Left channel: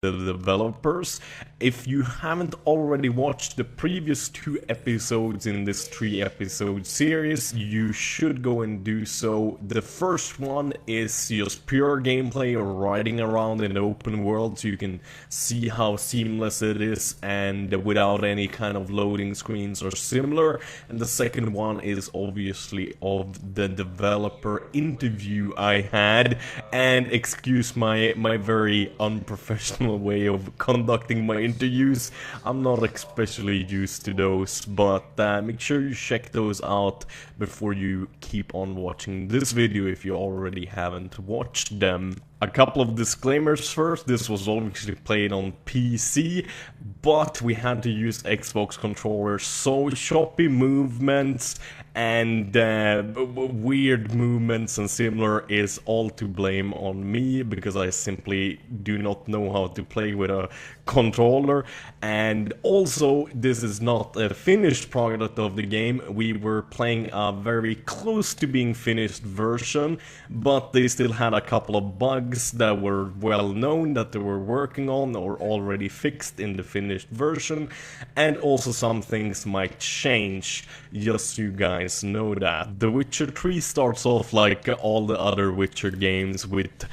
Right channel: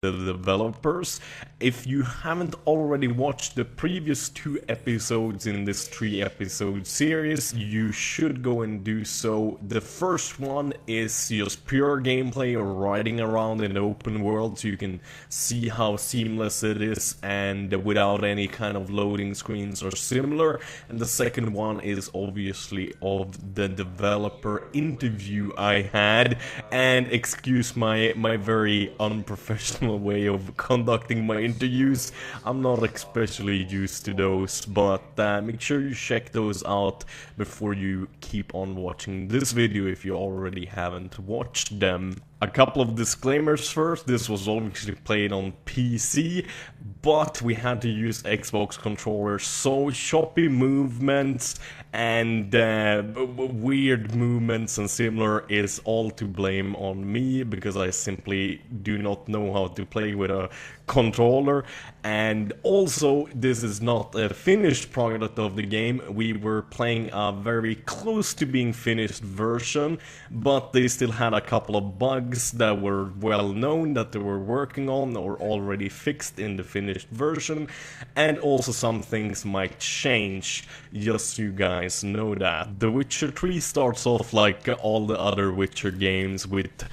the developers. If you haven't already watched the previous 2 episodes in this 3 episode series, you should go and do so. The first one is just pure gameplay or riding around in the open world, so you can see how seamless it is and without any kind of loading screens or similar. And the second one is obviously of the developer interview I had. And excuse my very unprofessional way of conducting my interviews. I'm not especially used to those, but make sure you check those out before you keep on watching this video if you already haven't watched them. A couple of disclaimers first. This was obviously played on PC, but we had to use Xbox controllers, so choppy movements and weird movements and similar is all to blame on me, because I simply do not know how to play with a controller. And also, this is not a finished product of the game. We were playing a very close to being finished version, but they still had a couple of bugs that were well known that they were working on or already fixed in the finished version, and also some things might change, just so you guys know that. The Witcher 3 starts off like all the other Witcher games with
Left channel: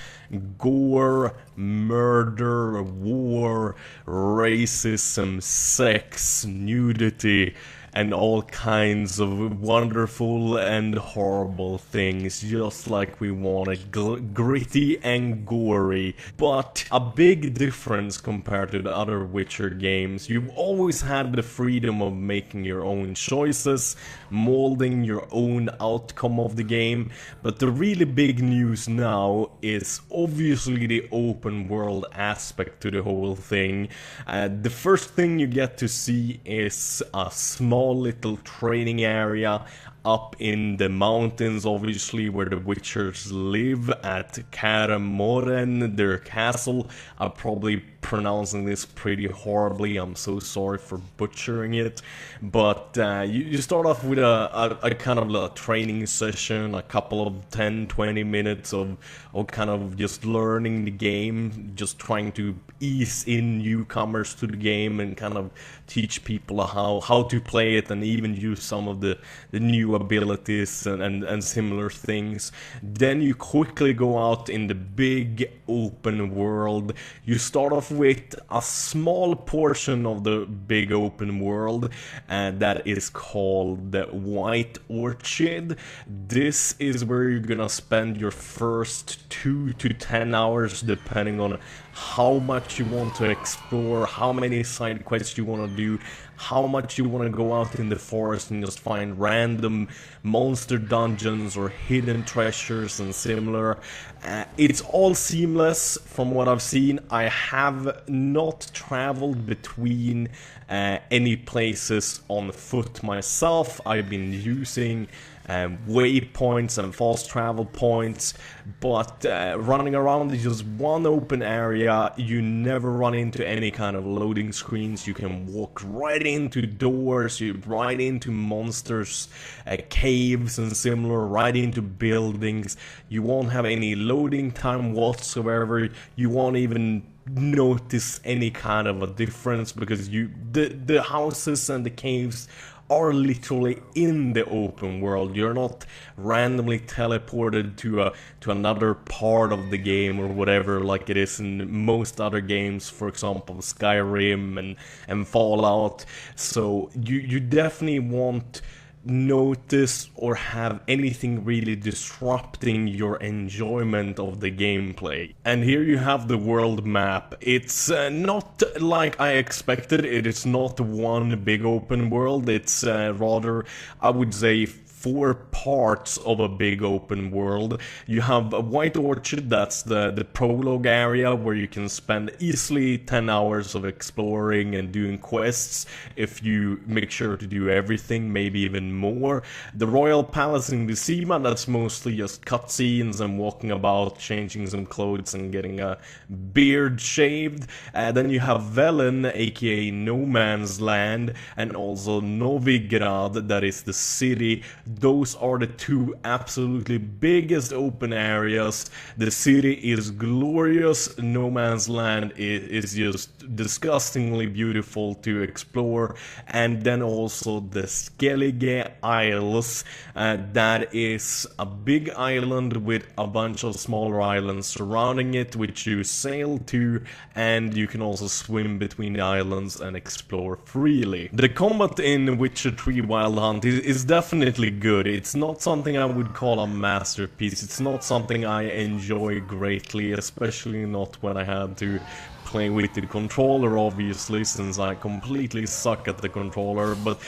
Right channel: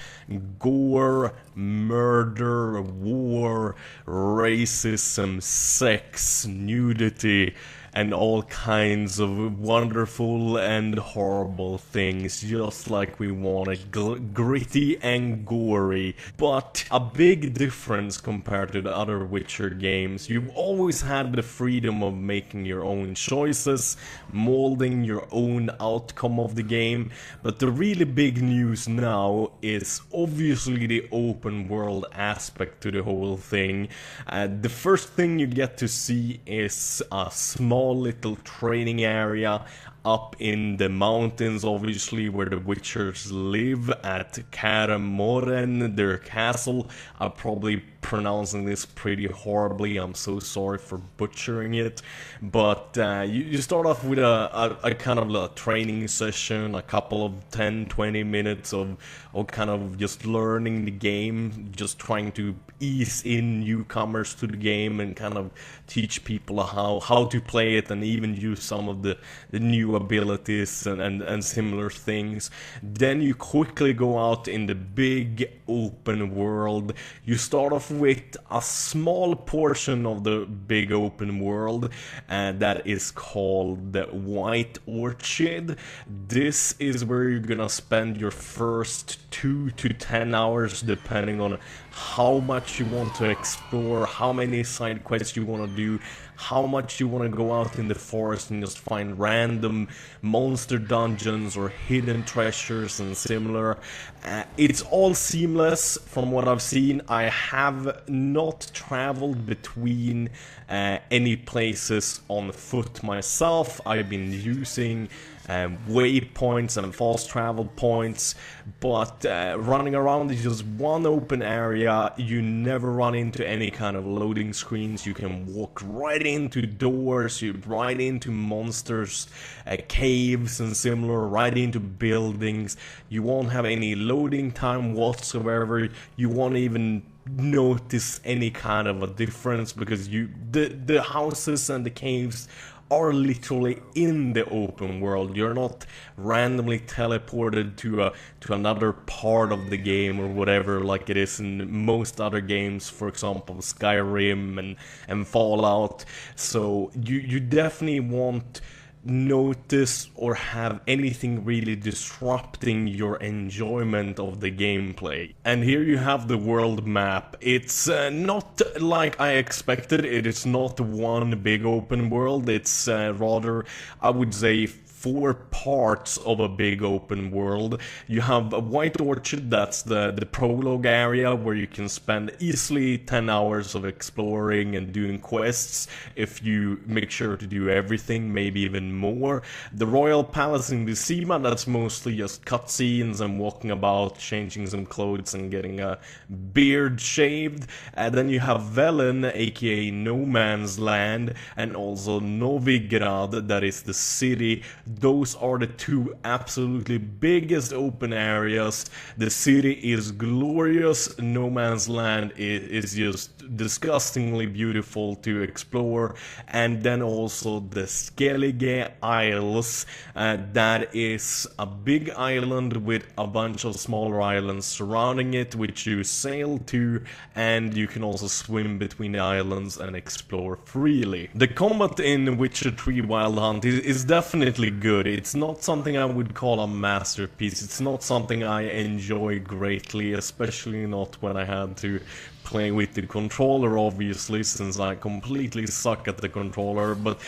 gore, murder, war, racism, sex, nudity, and all kinds of wonderful and horrible things, just like we wanted, gritty and gory. But a big difference compared to the other Witcher games: you've always had the freedom of making your own choices, molding your own outcome of the game. But the really big news now is obviously the open world aspect to the whole thing. The first thing you get to see is a small little training area up in the mountains, obviously, where the Witchers live at Kaer Morhen, their castle. I'm probably pronouncing this pretty horribly, I'm so sorry for butchering it. But you start off with a kind of a training session, a couple of 10-20 minutes of kind of just learning the game, just trying to ease in newcomers to the game and kind of teach people how to play it, and even use some of the new abilities and similar things. Then you quickly go out in the big open world. You start off with a small portion of the big open world that is called the White Orchard. This is where you're gonna spend your first 2 to 10 hours, depending on how much you want to explore, how many side quests you want to do, how much you want to go out in the forest and just find random monster dungeons or hidden treasures and similar. It's all seamless from what I've seen. I have not traveled between any places on foot myself. I've been using waypoints and fast travel points, but running around is just one open area. You never run into any kind of loading screens. You can walk right into doors, right into monsters, caves and similar, right into buildings. You won't have any loading time whatsoever. You won't even notice any kind of a difference, because the houses and the caves are literally in the open world. You're not randomly teleported to another part of the game or whatever, like it is in most other games, for example Skyrim and Fallout. So you definitely won't notice or have anything really disrupting your enjoyment of the gameplay. And here you have the world map. It's not like I expected. It is not one big open world. It's rather, I would say, 4 parts of a big open world. You have a White Orchard, that's the prologue area, where you can spend easily 10 hours of exploring and doing quests if you make sure to do everything, maybe even more. The Royal Palace in Vizima, that's mostly just cutscenes and walking about, changing some clothes and getting a beard shaved. And then you have Velen, aka No Man's Land, and also Novigrad, that is the city those are the two absolutely biggest open areas. The city is glorious. No Man's Land is just disgustingly beautiful to explore. And then also the Skellige Isles. That is a big island with a bunch of smaller islands surrounding it, which you sail to, and you can also swim between the islands and explore freely. The combat in Witcher 3 Wild Hunt is definitely good. It's not something I would call a masterpiece. It's not something I enjoy greatly, especially not when I had to play with the controller, obviously, since I completely suck at the controller. But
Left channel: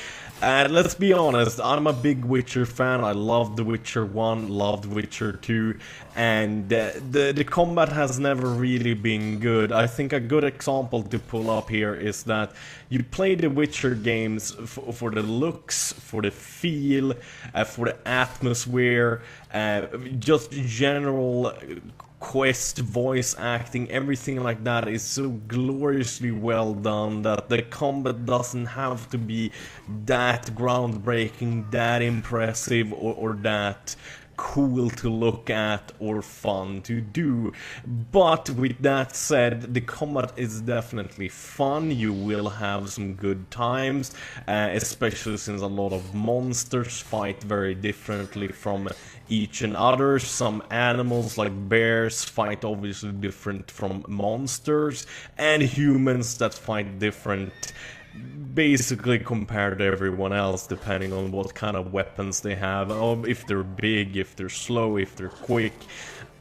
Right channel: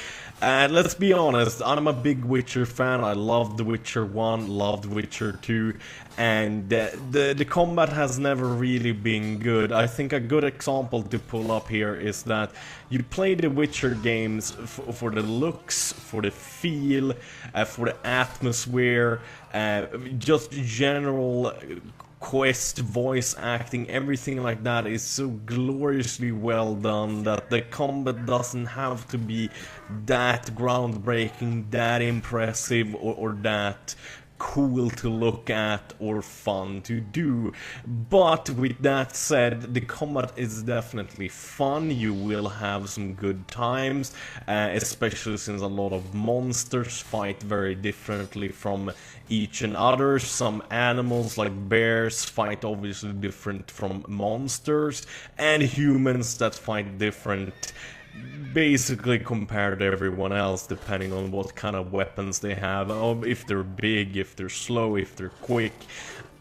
let's be honest, I'm a big Witcher fan. I loved The Witcher 1, loved Witcher 2, and the combat has never really been good. I think a good example to pull up here is that you play the Witcher games for the looks, for the feel, for the atmosphere, just general quest, voice acting, everything like that is so gloriously well done that the combat doesn't have to be that groundbreaking, that impressive, or that cool to look at or fun to do. But with that said, the combat is definitely fun. You will have some good times, especially since a lot of monsters fight very differently from each and other. Some animals like bears fight obviously different from monsters, and humans that fight different basically compared to everyone else, depending on what kind of weapons they have, if they're big, if they're slow, if they're quick.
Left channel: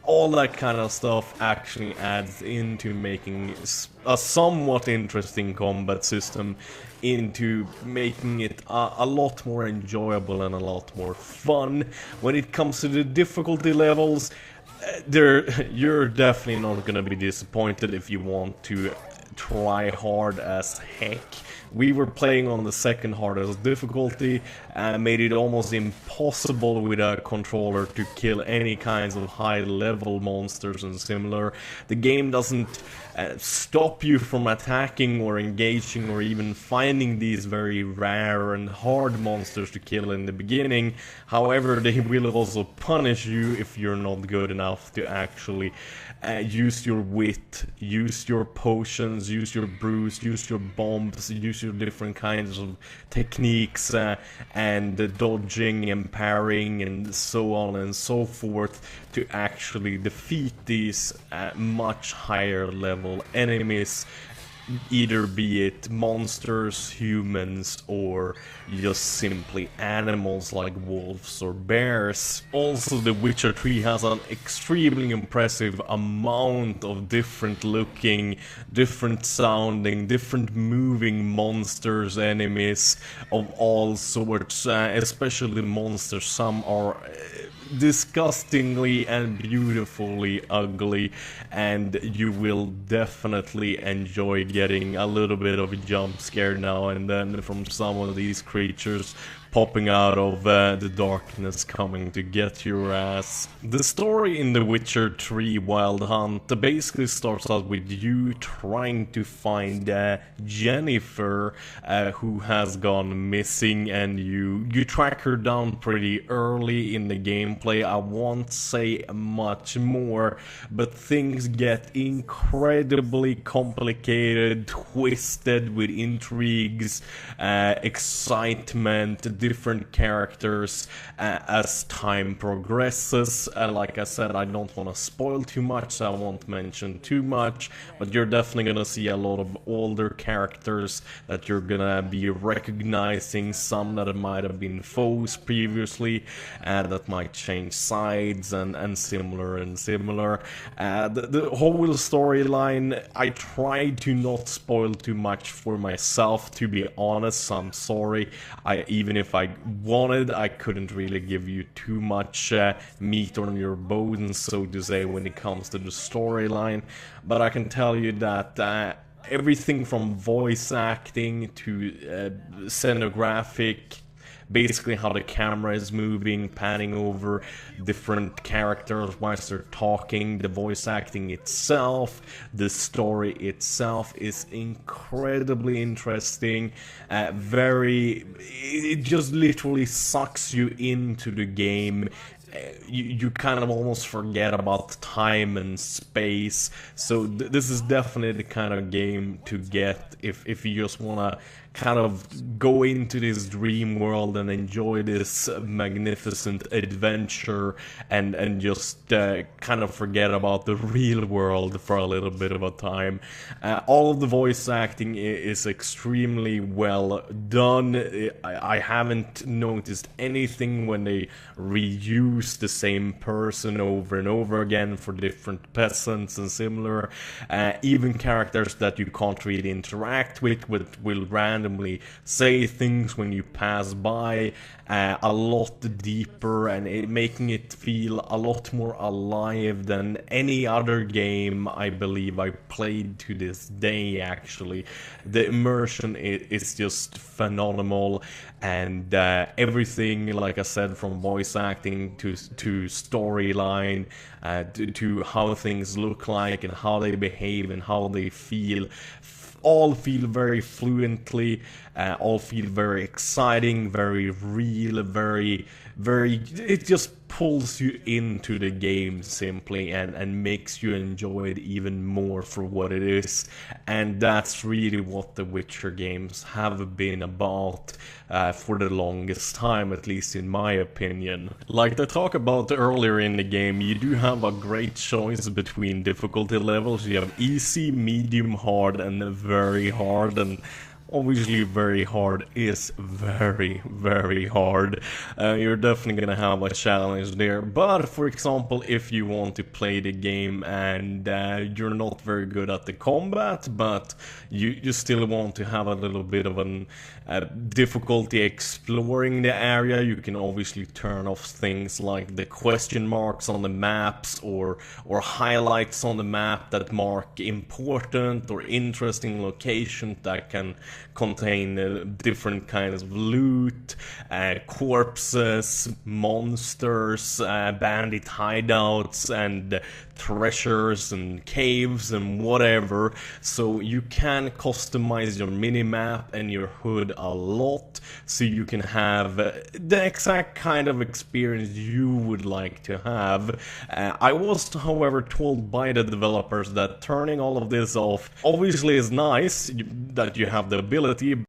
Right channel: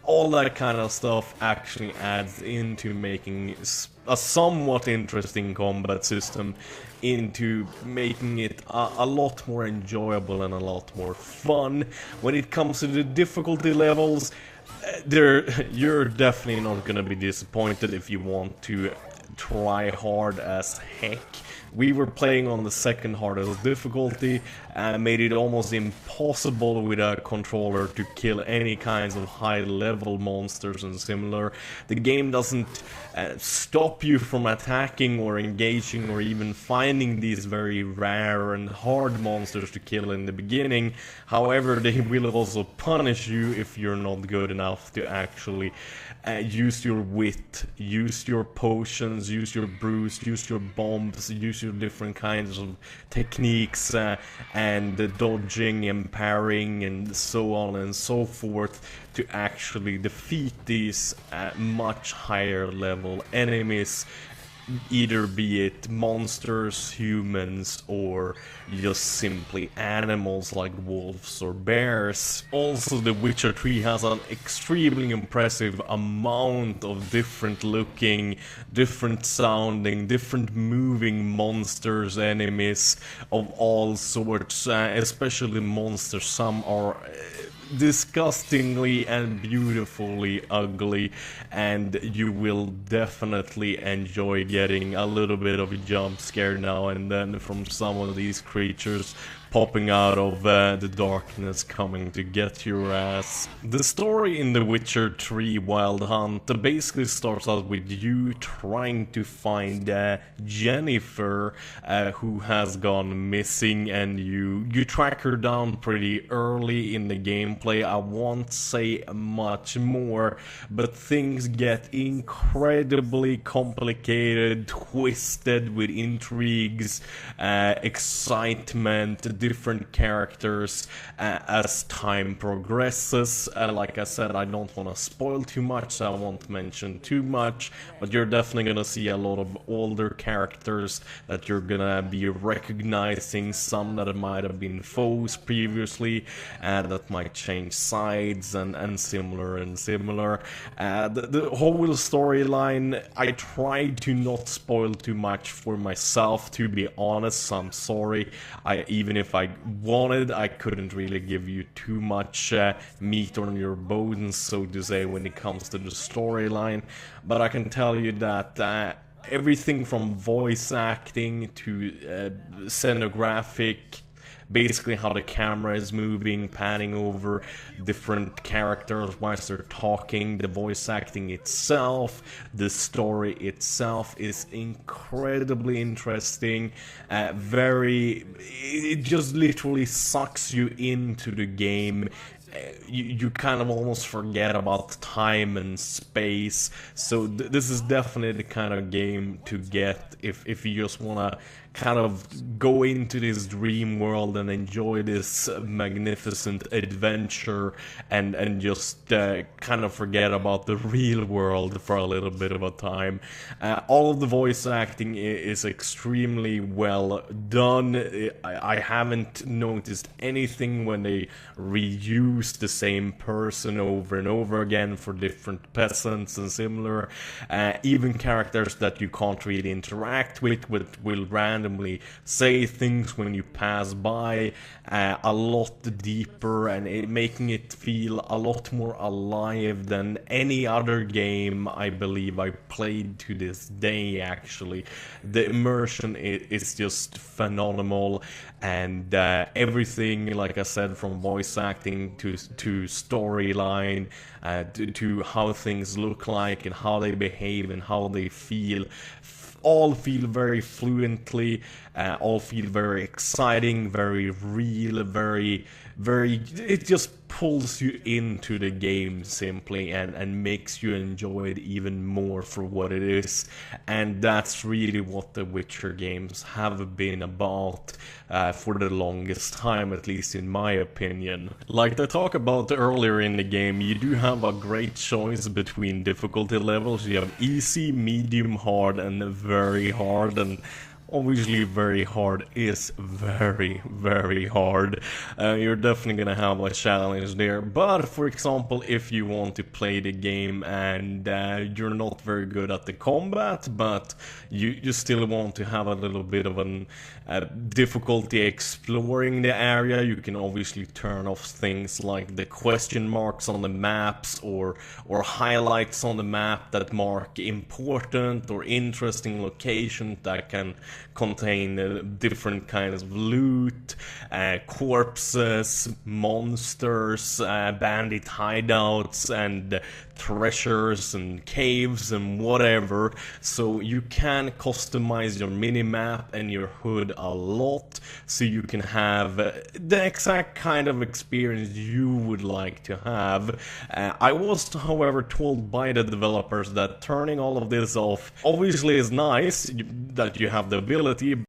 All that kind of stuff actually adds into making a somewhat interesting combat system, into making it a lot more enjoyable and a lot more fun. When it comes to the difficulty levels, you're definitely not gonna be disappointed if you want to try hard as heck. We were playing on the second hardest difficulty and made it almost impossible with a controller to kill any kinds of high level monsters and similar. The game doesn't stop you from attacking or engaging or even finding these very rare and hard monsters to kill in the beginning. However, they will also punish you if you're not good enough to actually use your wit, use your potions, use your brews, use your bombs, use your different kinds of techniques, and the dodging and parrying and so on and so forth to actually defeat these much higher level enemies, either be it monsters, humans, or just simply animals like wolves or bears. Also, The Witcher 3 has an extremely impressive amount of different looking, different sounding, different moving monsters, enemies of all sorts, especially monsters. Some are disgustingly and beautifully ugly, and you will definitely enjoy getting a little bit of a jump scare now and then from some of these creatures popping out of the darkness coming to get your ass. The story in The Witcher 3 Wild Hunt basically starts out with you trying to find Jennifer, who has gone missing, and you track her down pretty early in the gameplay. I won't say much more, but things get incredibly complicated, twisted with intrigues, excitement, different characters as time progresses. Like I said, I don't want to spoil too much, so I won't mention too much, but you're definitely gonna see a lot of older characters that you're gonna be recognizing, some that might have been foes previously, and that might change sides and similar. The whole storyline, I tried to not spoil too much for myself, to be honest. I'm sorry. Even if I wanted, I couldn't really give you too much meat on your bones, so to say, when it comes to the storyline. But I can tell you that everything from voice acting to scenographic, basically how the camera is moving, panning over different characters whilst they're talking, the voice acting itself, the story itself is incredibly interesting. It just literally sucks you into the game. You kind of almost forget about time and space. So this is definitely the kind of game to get if you just want to kind of go into this dream world and enjoy this magnificent adventure and just kind of forget about the real world for a little bit of a time. All of the voice acting is extremely well done. I haven't noticed anything when they reuse the same person over and over again for different peasants and similar. Even characters that you can't really interact with will randomly say things when you pass by, a lot deeper, and making it feel a lot more alive than any other game I believe I played to this day. Actually, the immersion is just phenomenal, and everything, like I said, from voice acting to storyline, to how things look like and how they behave and how they feel, all feel very fluently, all feel very exciting, very real, very, it just pulls you into the game simply and makes you enjoy it even more for what it is. And that's really what the Witcher games have been about for the longest time, at least in my opinion. Like I talked about earlier in the game, you do have a great choice between difficulty levels. You have easy, medium, hard, and very hard, and obviously very hard is very, very hard. You're definitely gonna have a challenge there, but for example, if you want to play the game and you're not very good at the combat, but you still want to have a little bit of an difficulty exploring the area, you can obviously turn off things like the question marks on the maps or highlights on the map that mark important or interesting locations that can contain different kinds of loot, corpses, monsters, bandit hideouts, and treasures and caves and whatever. So you can customize your minimap and your HUD a lot, so you can have the exact kind of experience you would like to have. I was, however, told by the developers that turning all of this off obviously is nice, that you have the ability,